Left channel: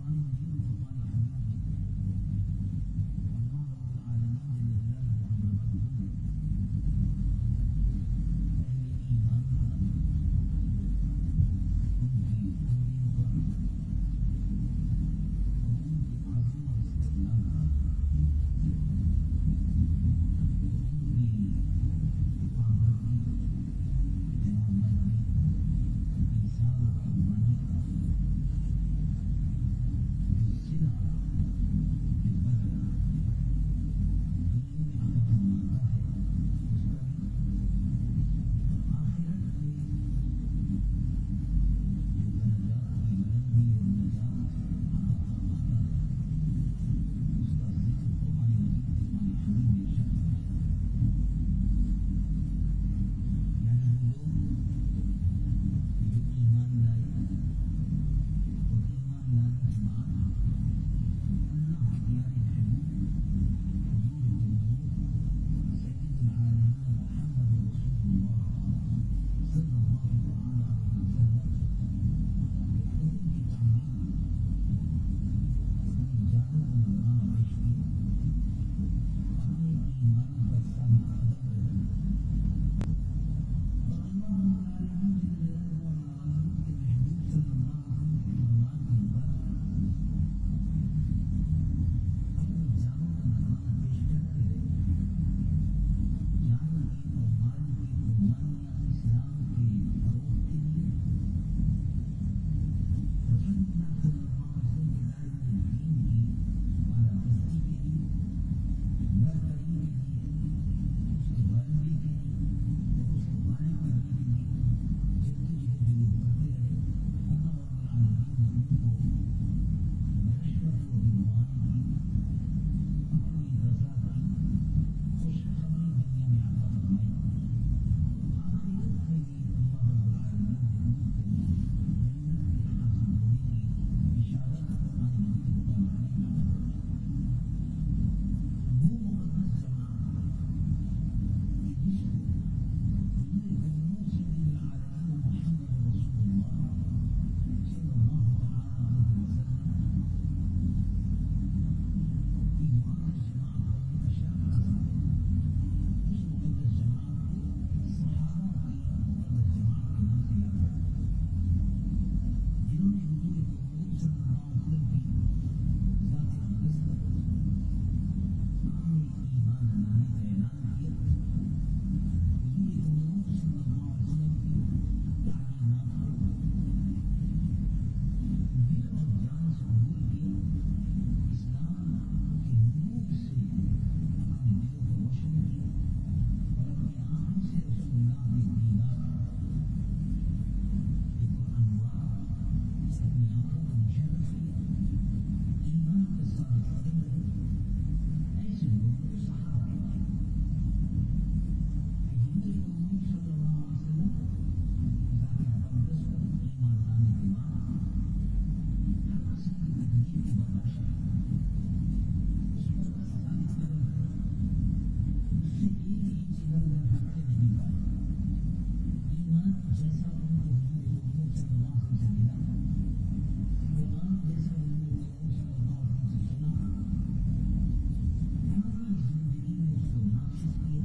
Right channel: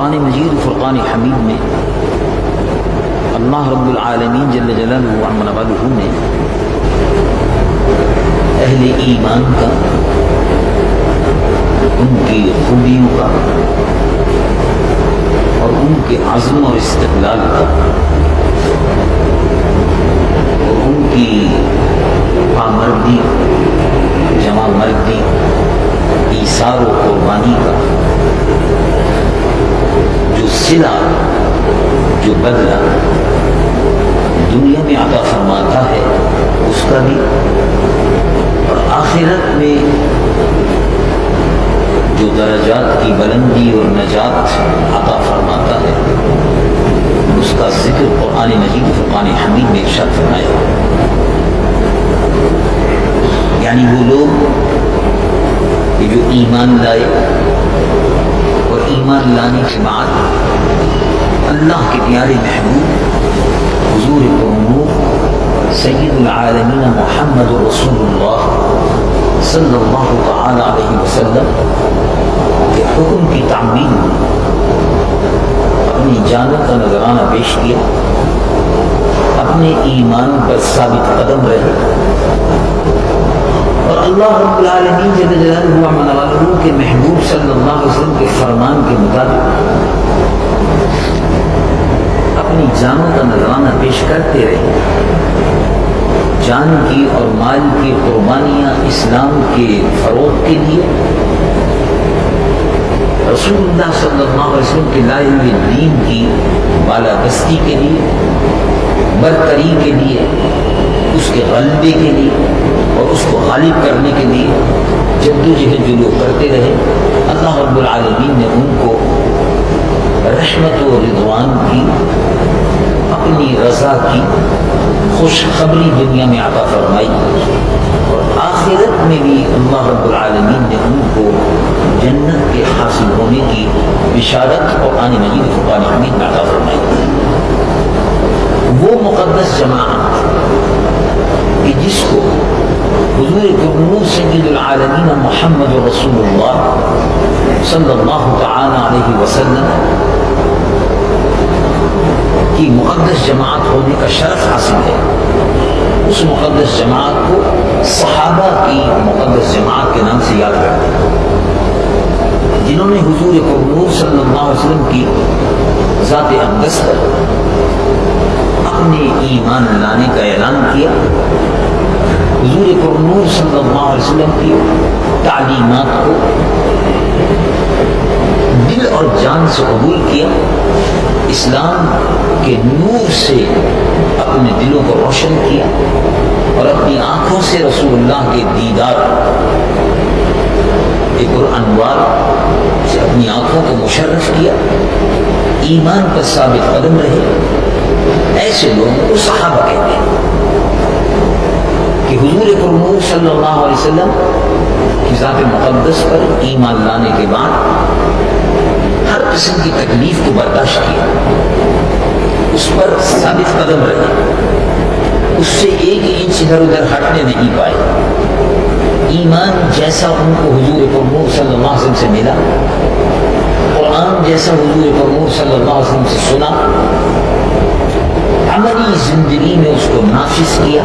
قرآن مجید فرقان حمید میں اللہ رب العالمین جل جلالہ وعظم نوالہ نے اہل ایمان کا، ان کی خوبیوں کا اور ان کے عزم اور استقلال کا اور ان کی پامردی، جمع مردی، ایثار و قربانی کا جو صلہ، جو بدلہ دنیا میں عطا فرماتا ہے اس کا بھی، اور آخرت میں جو درجات کی بلندی اور نجات عطا فرماتا ہے اس کا ذکر قرآن مجید فرقان حمید میں ارشاد فرمایا۔ یعنی وہ لوگ کہ جو ایمان لائے اور ایمان لانے کے بعد اللہ کے پیارے محبوب حضور پرنور سید العالمین محمد رسول اللہ صلی اللہ تعالی علیہ وسلم کے حکم کی تعمیل اپنی جانوں کا نذرانہ پیش کیا، اپنے ایمان پر ثابت قدم رہے اور اللہ رب العالمین جل جلالہ وعظم نوالہ کے محبوب صلی اللہ علیہ وسلم کے فرمان کے مطابق اپنی جانوں کا نذرانہ پیش کرتے رہے۔ جان کی اور مال کی قربانیاں اسلام کے فروغ کے لیے، رسول اللہ صلی اللہ علیہ وسلم کے لائے ہوئے دین کی بالادستی کے لیے، برتری کے لیے، اس کے غلبے کے لیے اور اس کو غالب کرنے کے لیے جدوجہد جو لوگ کرتے رہے، اللہ رب العالمین نے ان کو رحمت و رضوان کی، اپنی رضا کی خوشخبری دنیا میں عطا فرمائی، اور آخرت میں بھی اللہ رب العالمین نے ان کو جنت کے حاصل ہونے کی بشارت قرآن مجید فرقان حمید میں عطا فرمائی۔ وہ مقدس جماعت کہ جس کو حضور پرنور سید العالمین محمد رسول اللہ صلی اللہ تعالی علیہ وسلم کی مقدس جماعت ہونے کا شرف حاصل ہے، اس مقدس جماعت کو صحابہ کی مقدس جماعت کے نام سے یاد کرتے ہیں، جنہوں نے حضور پرنور صلی اللہ علیہ وسلم کی ذات اقدس پر اپنے ایمان لانے کا اعلان کیا، حضور پرنور صلی اللہ علیہ وسلم کی تعلیمات کو دل اور جان سے قبول کیا، اسلام کے نور سے اپنے دلوں کو روشن کیا اور اپنی آنکھوں سے رسول اللہ کے دیدار انوار سے اپنی آنکھوں کو مشرف کیا، ایمان پر ثابت قدم رہے، ایسے لوگوں کو صحابہ کہتے ہیں کہ حضور پرنور صلی اللہ علیہ وسلم کی ذات مقدس پر ایمان لانے کے بعد ہر قسم کی تکلیف کو برداشت کیا، اس پر ثابت قدم رہے، اس سے ایک انچ ادھر ادھر ہٹنے نہیں پائے۔ ایمان جیسا ان کو حضور پرنور صلی اللہ علیہ وسلم سے ملا، قرآن جیسا حضور پرنور صلی اللہ علیہ وسلم سے سنا، عملی زندگی میں اس کو نافذ کیا،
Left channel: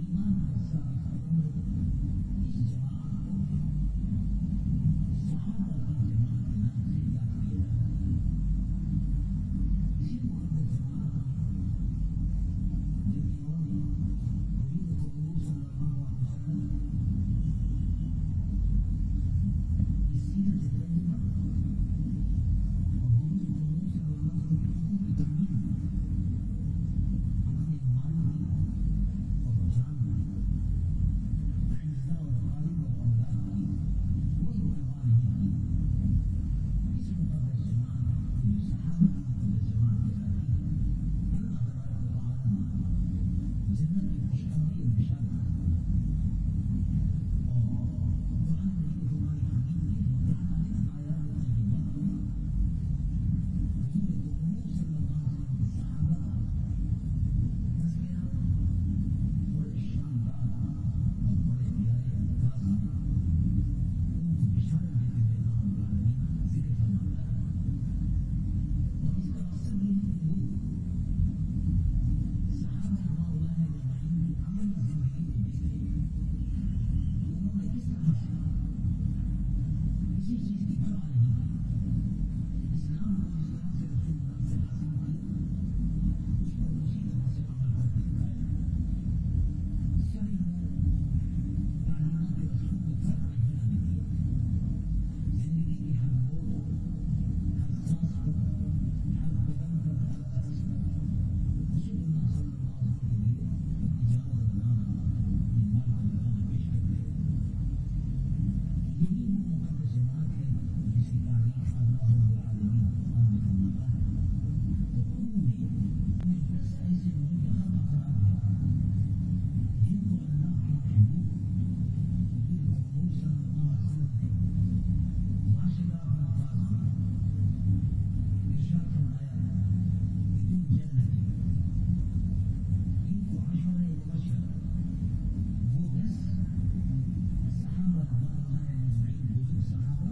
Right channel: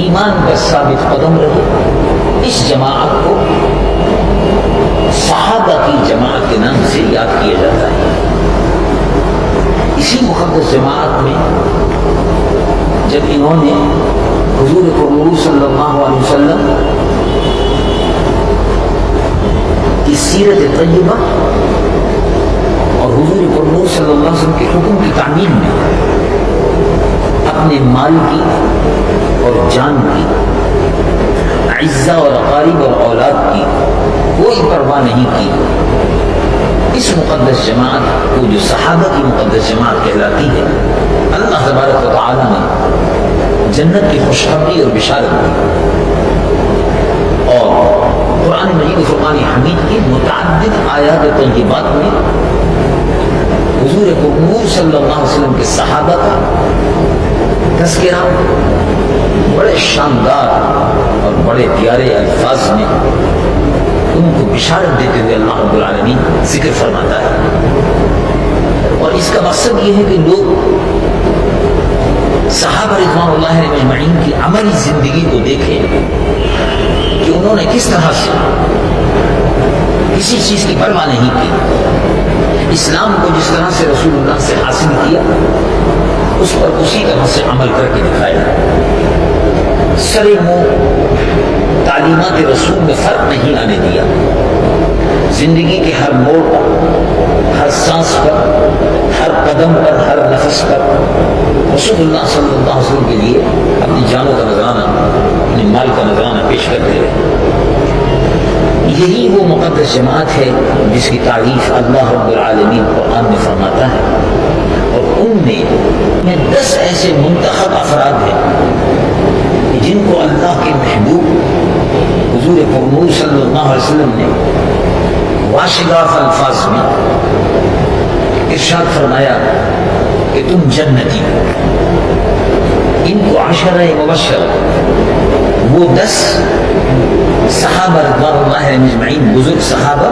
ایمان پر ثابت قدم رہے، اس جماعت کو صحابہ کی جماعت کے نام سے یاد کیا جاتا ہے۔ اسی مقدس جماعت میں جب انہوں نے حضور پرنور صلی اللہ علیہ وسلم کی سیرت طیبہ اور حضور پرنور صلی اللہ علیہ وسلم کے حکم کی تعمیل میں اپنے مال کی اور جان کی، عزہ اور اقارب اور اولاد کی کوئی پرواہ نہیں کی، اس مقدس جماعت کو جو صحابہ کی مقدس جماعت کہلاتی ہے، اللہ تبارک و تعالی نے جنت کی خوشخبری اور بشارت دی، اور قرآن مجید فرقان حمید کی متعدد آیات طیبات میں حضور پرنور صلی اللہ علیہ وسلم کے صحابہ کا تذکرہ بڑے شاندار اور بڑے پیارے الفاظ میں ان کو بشارت دیتے ہوئے اللہ رب العالمین ذکر فرماتا ہے. اور اس کا مقصد یہ ہے کہ لوگ صحابہ رضوان اللہ علیہم اجمعین کی عملی زندگی کو دیکھیں کہ انہوں نے کس طرح سے کسی چیز کی پرواہ نہیں کی، اسلام کو جس طرح سے رسول اللہ سے حاصل کیا اس پر اسی طرح سے عمل کر کے دکھایا. سرے منہ تعلیمات رسول میں فرق نہیں آنے دیا. زندگی کے ہر موڑ پر، ہر سانس پر، ہر قدم پر، ہر نفس پر رسول اللہ صلی اللہ علیہ وسلم کے لیے اپنی جانوں کا نذرانہ، اپنے مال کا نذرانہ پیش کرتے رہے. یہی وہ مقدس جماعت ہے جس کی تعریف اللہ رب العالمین قرآن میں فرماتا ہے. اور ان میں 10 ایسے منتخب افراد ہیں جن کو اللہ کے محبوب حضور پرنور صلی اللہ علیہ وسلم نے واشگاف الفاظ میں ارشاد فرمایا کہ تم جنتی ہو. ان کو عشرہ مبشر، وہ 10 صحابہ رضوان اللہ علیہم اجمعین، بزرگ صحابہ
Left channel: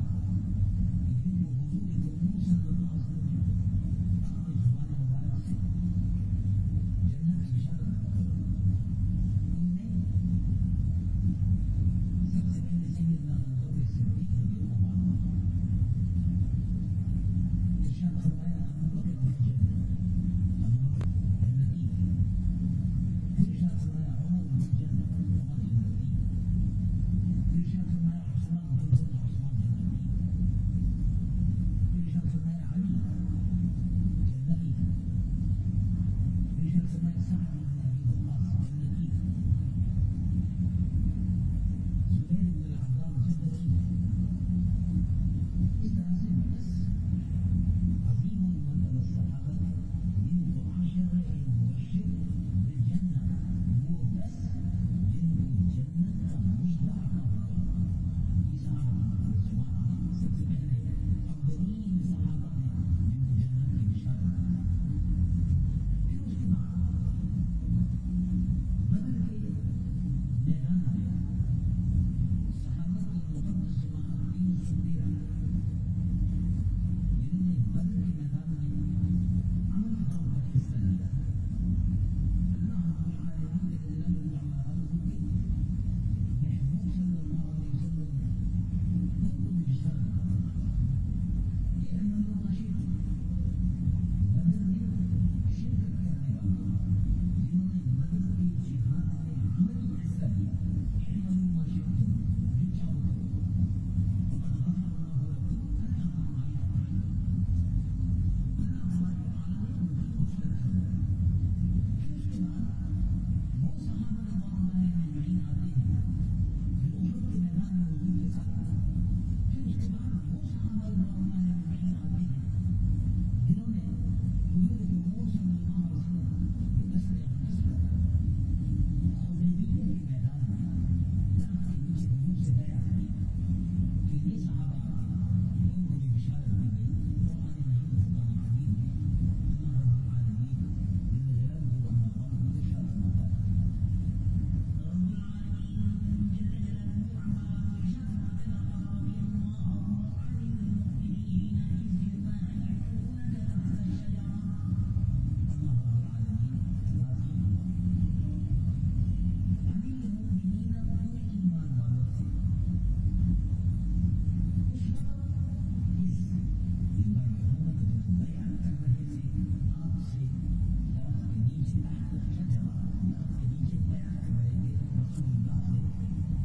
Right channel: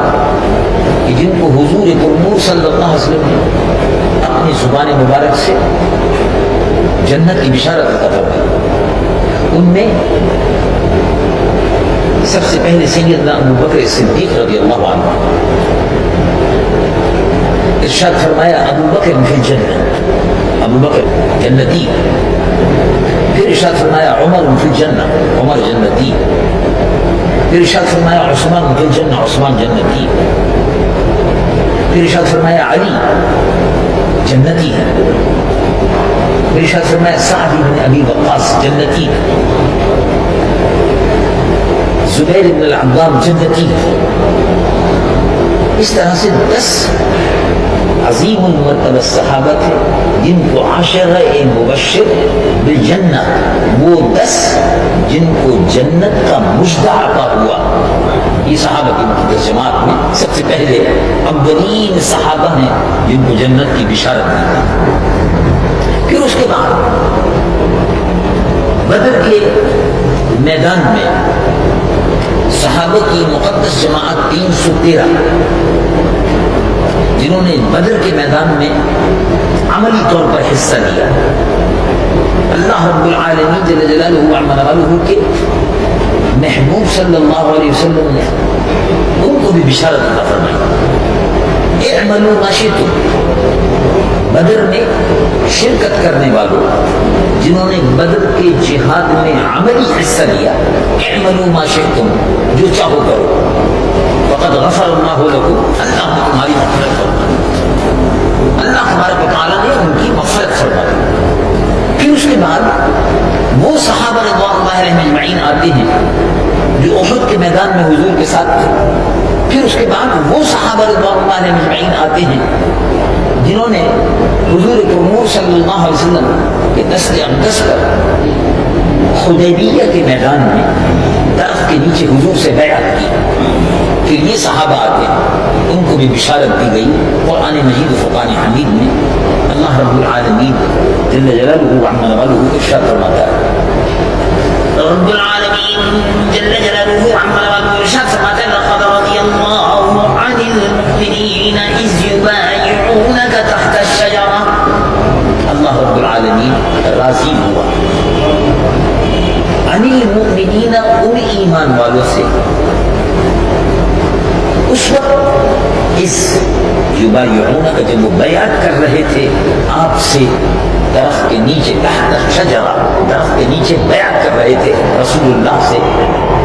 کہ جن کو حضور پرنور صلی اللہ علیہ وسلم نے اپنی زبان مبارک سے جنت کی بشارت عطا فرمائی. ان میں سب سے پہلے سیدنا ابو بکر صدیق رضی اللہ عنہ. ارشاد فرمایا ابو بکر فی الجنہ، ابو بکر جنتی. پھر ارشاد فرمایا عمر فی الجنہ، عمر جنتی. پھر ارشاد فرمایا عثمان فی الجنہ، عثمان جنتی. پھر ارشاد فرمایا علی جنتی ہے. پھر ارشاد فرمایا سعد بن ابی وقاص جنتی، زبیر بن العوام جنتی. اس طرح سے 10 عظیم المرتبہ صحابہ تھے جن کو عشرہ مبشر بالجنہ، وہ 10 جن کو جنت کا مژدہ عطا ہوا. یہ صحابہ کی مقدس جماعت میں سب سے پہلے اولین صحابہ ہیں جن کو جنت کی بشارت دی. پھر اس کے بعد بدر کے میدان میں صحابہ کی مقدس جماعت 313 جنہوں نے بدر کے میدان میں عملی طور پر حصہ لیا. اللہ رب العالمین جل جلالہ عما والہ کے محبوب صلی اللہ علیہ وسلم نے ان کو بھی بشارت عطا فرمائی. اعملوا ما شئتم. بدر میں شرکت کرنے والوں جنہوں نے بدر کے جہاد میں عملی حصہ لیا، اعملوا ما شئتم، جو چاہو کرو، فقد غفر اللہ لکم، اللہ نے تمہاری مغفرت فرمائی. اللہ تبارک و تعالیٰ نے ان کی مغفرت فرمائی. پھر اس کے بعد وہ صحابہ رضوان اللہ علیہم اجمعین آتے ہیں جو احد کے میدان میں حضور کے ساتھ تھے. پھر اس کے بعد وہ صحابہ رضوان اللہ علیہم اجمعین آتے ہیں جنہوں نے حضور پرنور صلی اللہ علیہ وسلم کے دست اقدس پر حدیبیہ کے میدان میں درخت کے نیچے حضور سے بیعت کی. پھر یہ صحابہ آتے ہیں، ان کو بھی بشارت دی گئی. قرآن مجید و فرقان حمید میں اللہ رب العالمین جل جلالہ عما والہ ارشاد فرماتا ہے، رب العالمین جل جلالہ عما والہ ارشاد فرماتا ہے لقد رضی اللہ عن المؤمنین اذ یبایعونک تحت الشجرہ. اللہ رب العالمین راضی ہوا عن المؤمنین، ان ایمان والوں سے اس وقت اس یبایعونک، جب وہ بیعت کر رہے تھے آپ سے درخت کے نیچے، تحت الشجرہ، درخت کے نیچے بیعت کر رہے تھے رسول اللہ سے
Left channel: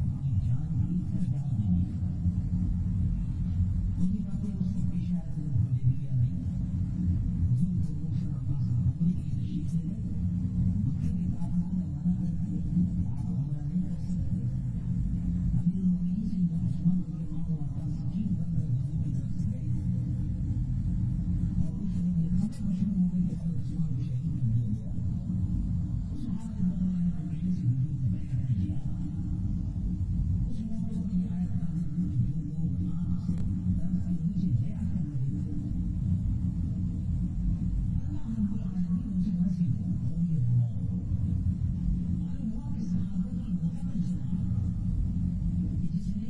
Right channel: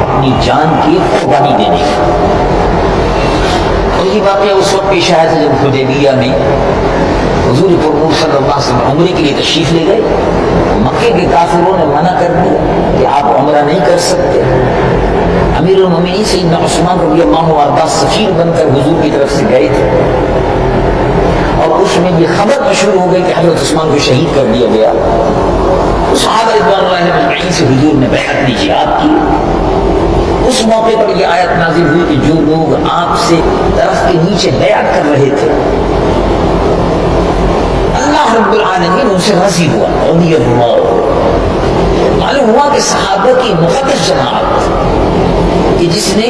اپنی جان کی قربانی دینے کی. اور یہ واقعہ اس وقت پیش آیا تھا جب حدیبیہ میں حضور پرنور صلی اللہ علیہ وسلم عمرے کے لیے تشریف لے گئے. مکے کے کافروں نے منع کر دیا کہ آپ عمرہ نہیں کر سکتے. امیر المومنین سیدنا عثمان رضی اللہ عنہ سفیر بن کر حضور کی طرف سے گئے تھے، اور اس میں یہ خبر مشہور ہو گئی کہ حضرت عثمان کو شہید کر دیا گیا. صحابہ رضوان اللہ علیہم اجمعین سے حضور نے بیعت کی، جہاد کی. اس موقع پر یہ آیت نازل ہوئی کہ جو لوگ آپ سے درخت کے نیچے بیعت کر رہے تھے اللہ رب العالمین ان سے راضی ہوا. رضی اللہ، معلوم ہوا کہ صحابہ کی مقدس جماعت کہ جس نے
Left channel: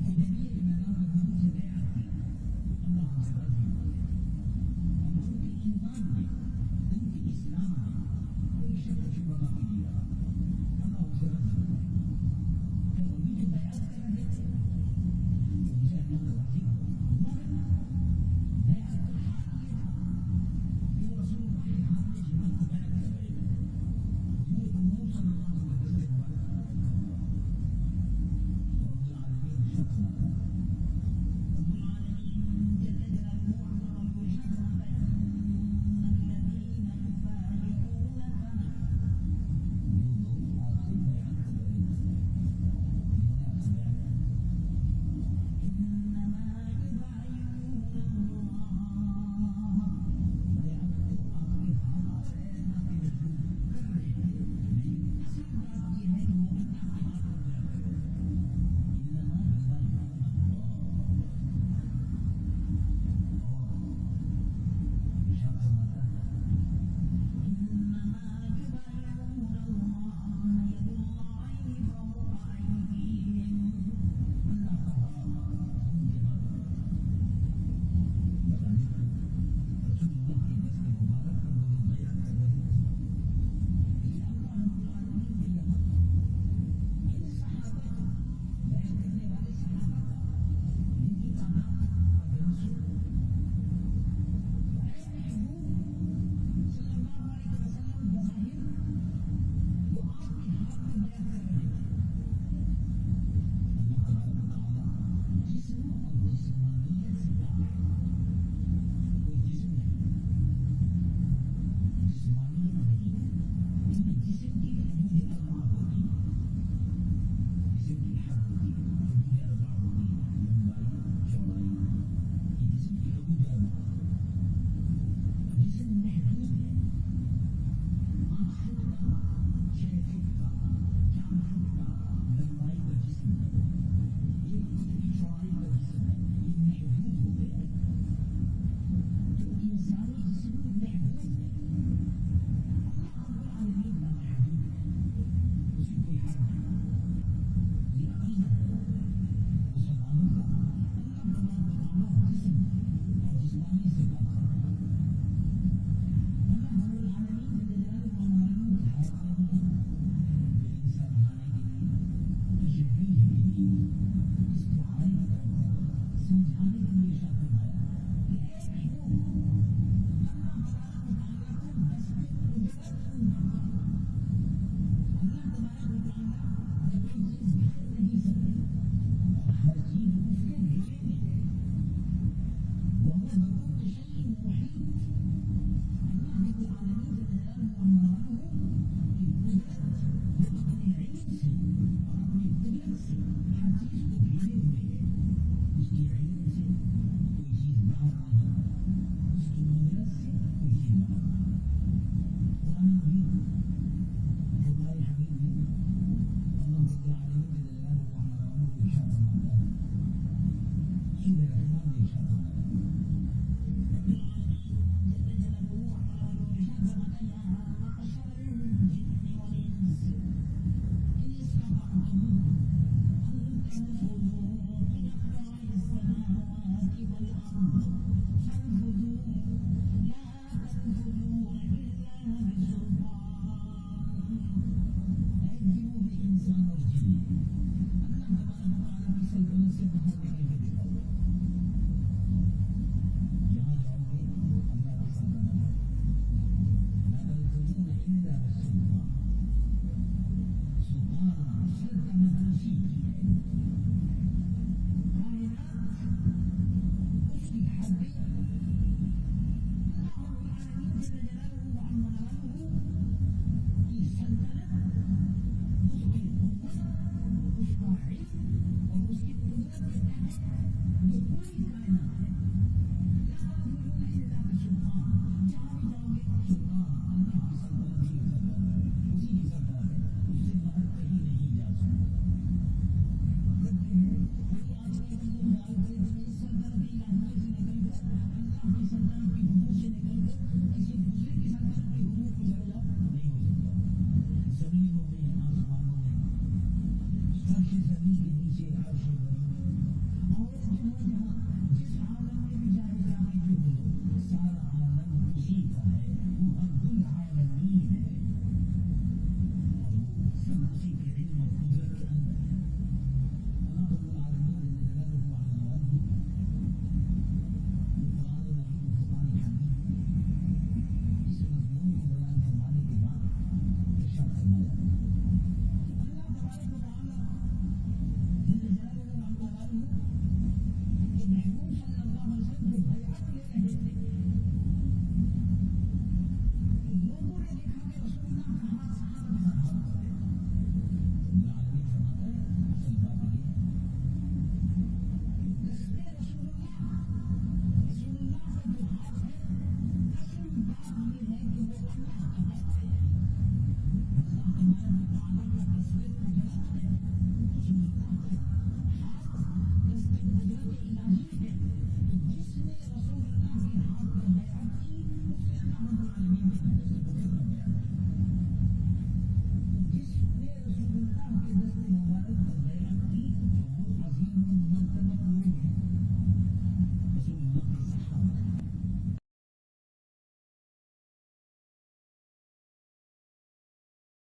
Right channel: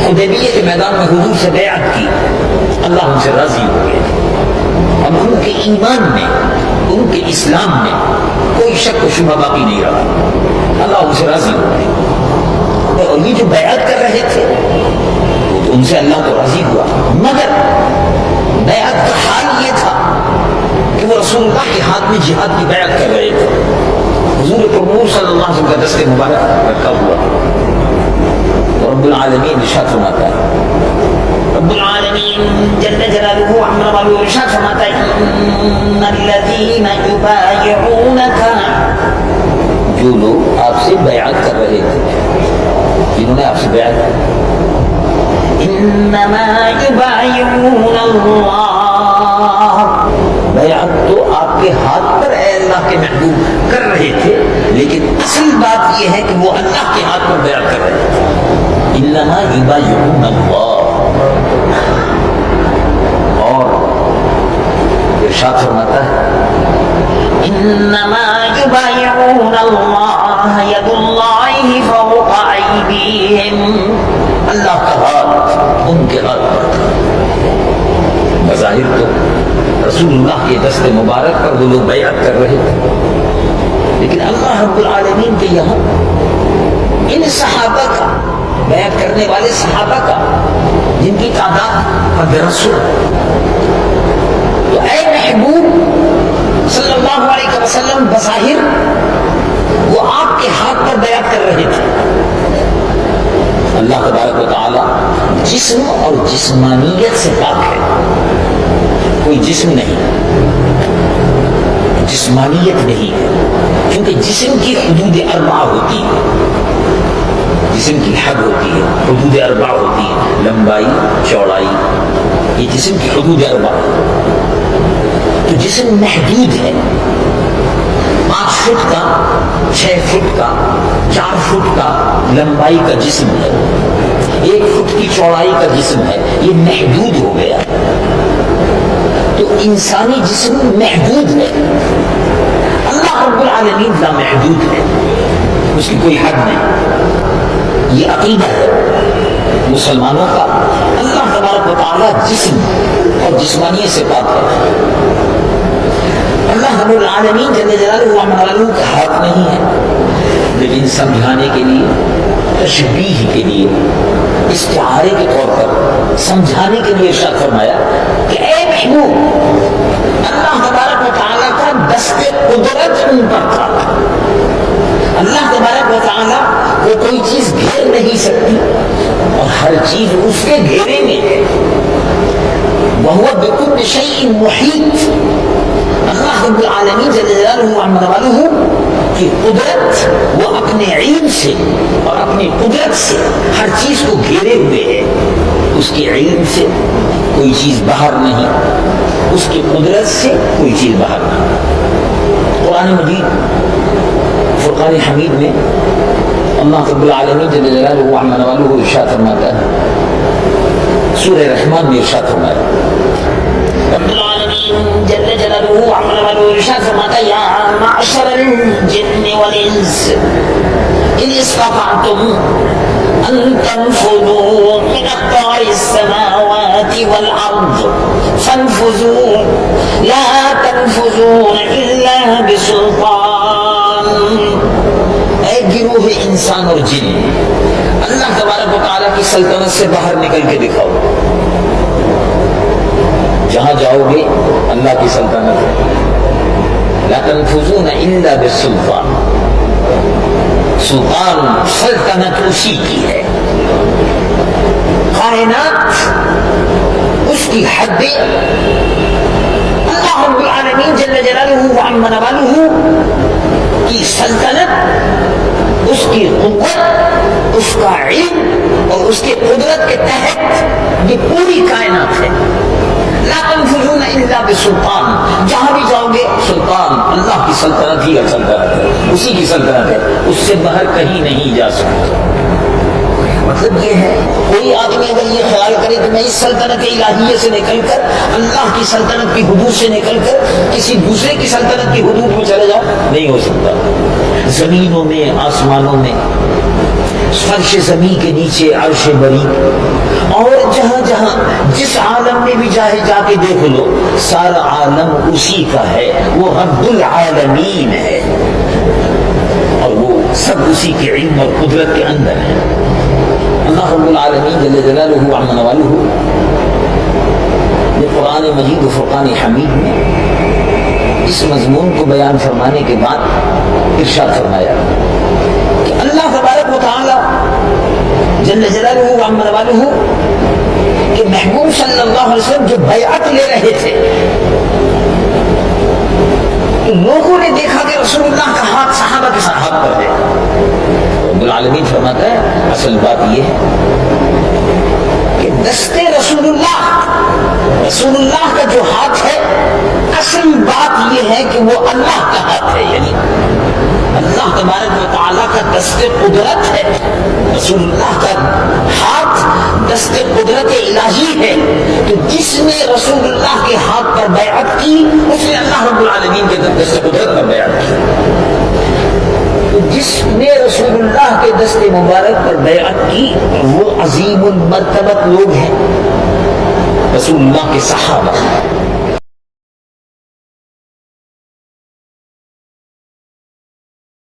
حدیبیہ کے میدان میں حضور سے بیعت کی اللہ ان سے راضی ہو گیا. اب ان کے ایمان میں، ان کے اسلام میں کوئی شک و شبہ باقی نہیں رہا. اللہ ان سے راضی ہو گیا. اور یہ جو بیعت کر رہے تھے وہ تو ان سے اللہ تو راضی ہوا، مگر بیعت کا حال یہ تھا کہ وہ رسول اللہ کے ہاتھ میں جہاد کی بیعت کر رہے تھے. حضور پرنور صلی اللہ علیہ وسلم کا دست مبارک رکھا ہوا. تو رب العالمین ارشاد فرماتا ہے، رب العالمین جل جلالہ عما والہ ارشاد فرماتا ہے، ان الذین یبایعونک، جو لوگ آپ سے بیعت کر رہے تھے، جنہوں نے آپ سے بیعت کی، انما یبایعون اللہ، بیعت تو آپ کے ہاتھ پر اے اللہ کے محبوب کر رہے تھے، لیکن اصل بات یہ ہے کہ وہ اللہ کے ہاتھ پر بیعت کر رہے تھے. انما یبایعون اللہ. اور ارشاد فرماتا ہے، انما یبایعون اللہ ید اللہ فوق ایدیہم، اللہ کا ہاتھ ان کے ہاتھ پر تھا. بظاہر تو رسول اللہ کے دست مبارک پر وہ لوگ بیعت کر رہے تھے، لیکن اللہ رب العالمین کے یہاں ان صحابہ کا، بیعت کرنے والے صحابہ کا، جن کی تعداد قد رسول، تو اے محبوب صلی اللہ علیہ وسلم بظاہر وہ آپ کے ہاتھ پر بیعت کر رہے تھے. اللہ تبارک و تعالی جسم اور جسمانیت سے پاک ہے. کوئی جسم نہیں، جسمانیت نہیں ہے، کیونکہ جسم کی حدود اربعہ ہوتی ہے، جسم کی حد ہوتی ہے، حدود اربعہ ہوتی ہے، لمبائی، چوڑائی، یہ جسم کی حدود اربعہ. تو جسم محدود ہے، 5 فٹ کا، 6 فٹ کا، 4 فٹ کا لمبائی کا جسم ہے، 1 فٹ کی چوڑائی کا جسم ہے، یہ محدود ہو گیا. تو انسانی جسم محدود ہے، اللہ رب العالمین لا محدود ہے، اس کی کوئی حد نہیں. یہ عقیدہ ہے مسلمانوں کا. اللہ تبارک و تعالیٰ جسم اور جسمانیت سے پاک ہے. اللہ رب العالمین جل جلالہ عما والہ کا ہاتھ نہیں ہے، لیکن سمجھانے کے لیے، تشبیہ کے لیے، استعارے کے طور پر سمجھانے کے لیے ارشاد فرمایا کہ اے محبوب، اللہ تبارک و تعالیٰ کا دست قدرت ان پر تھا. اللہ تبارک و تعالیٰ کو کوئی چیز گھیر نہیں سکتی اور ہر چیز اس کے گھیرے میں ہے. وَهُوَ بِكُلِّ شَيْءٍ مُحِيطٌ. اللہ رب العالمین جل جلالہ عما والہ کی قدرت، وہ اپنے علم سے اور اپنی قدرت سے ہر چیز کو گھیرے ہوئے ہے. اس کے علم سے کوئی چیز باہر نہیں، اس کی قدرت سے کوئی چیز باہر نہیں. قرآن مجید فرقان حمید میں اللہ رب العالمین جل جلالہ عما والہ ارشاد فرماتا ہے، سورہ رحمان میں ارشاد فرمایا، رب العالمین جل جلالہ عما والہ ارشاد فرماتا ہے، یا معشر الجن والانس ان استطعتم ان تنفذوا من اقطار السماوات والارض فانفذوا لا تنفذون الا بسلطان. اے گروہ انسان اور جن، اللہ تبارک و تعالیٰ کی سلطنت سے باہر نکل کے دکھاؤ. جہاں جاؤ گے اللہ کی سلطنت ہے. لا تنفذون الا بالسلطان. سلطان، سلطنت اسی کی ہے. کائنات، اس کی حدیں، اللہ رب العالمین جل جلالہ عما والہ کی سلطنت، اس کی قوت، اس کا علم اور اس کی قدرت کے تحت یہ پوری کائنات ہے. لا تنفذون الا بسلطان. جہاں بھی جاؤ گے سلطان، اللہ کی سلطنت ہی سلطنت ہے، اسی کی سلطنت ہے، اس سے باہر کہیں نہیں جا سکتا. مطلب یہ ہے، کوئی آدمی اگر یہ خیال کرے کہ میں اس سلطنت الہیہ سے نکل کر، اللہ کی سلطنت کی حدود سے نکل کر کسی دوسرے کی سلطنت کی حدود میں چلے جاؤ، نہیں ہو سکتا. زمینوں میں، آسمانوں میں فرش زمین کے نیچے عرش بری، اور جہاں جہاں جس عالم میں بھی چاہے جا کے دیکھ لو، سارا عالم اسی کا ہے، وہ رب العالمین ہے، اور وہ سب اسی کے علم اور قدرت کے اندر ہے۔ اللہ رب العالمین جل جلالہ وعظم نوالہ نے قرآن مجید و فرقان حمید میں اس مضمون کو بیان فرمانے کے بعد ارشاد فرمایا کہ اللہ تبارک و تعالی جل جلالہ وعظم نوالہ کہ محبوب صلی اللہ علیہ وسلم جو بیعت لے رہے تھے، تو لوگوں نے دیکھا کہ رسول اللہ کا ہاتھ صحابہ کے ساتھ ہاتھ پر ہے۔ رب العالمین فرماتا ہے اصل بات یہ ہے کہ دست رسول اللہ کا جو ہاتھ ہے، اصل بات یہ ہے کہ وہ اللہ کا ہاتھ ہے، یعنی اللہ تبارک و تعالیٰ کا دست قدرت ہے۔ رسول اللہ کا ہاتھ دست قدرت الہی ہے، تو جس نے رسول اللہ کے ہاتھ پر بیعت کی، اس نے اللہ رب العالمین کے دست قدرت پر بیعت کی۔ تو جس نے رسول اللہ کے دست مبارک پر بیعت کی وہ عظیم المرتبت لوگ ہیں، رسول اللہ کے صحابہ۔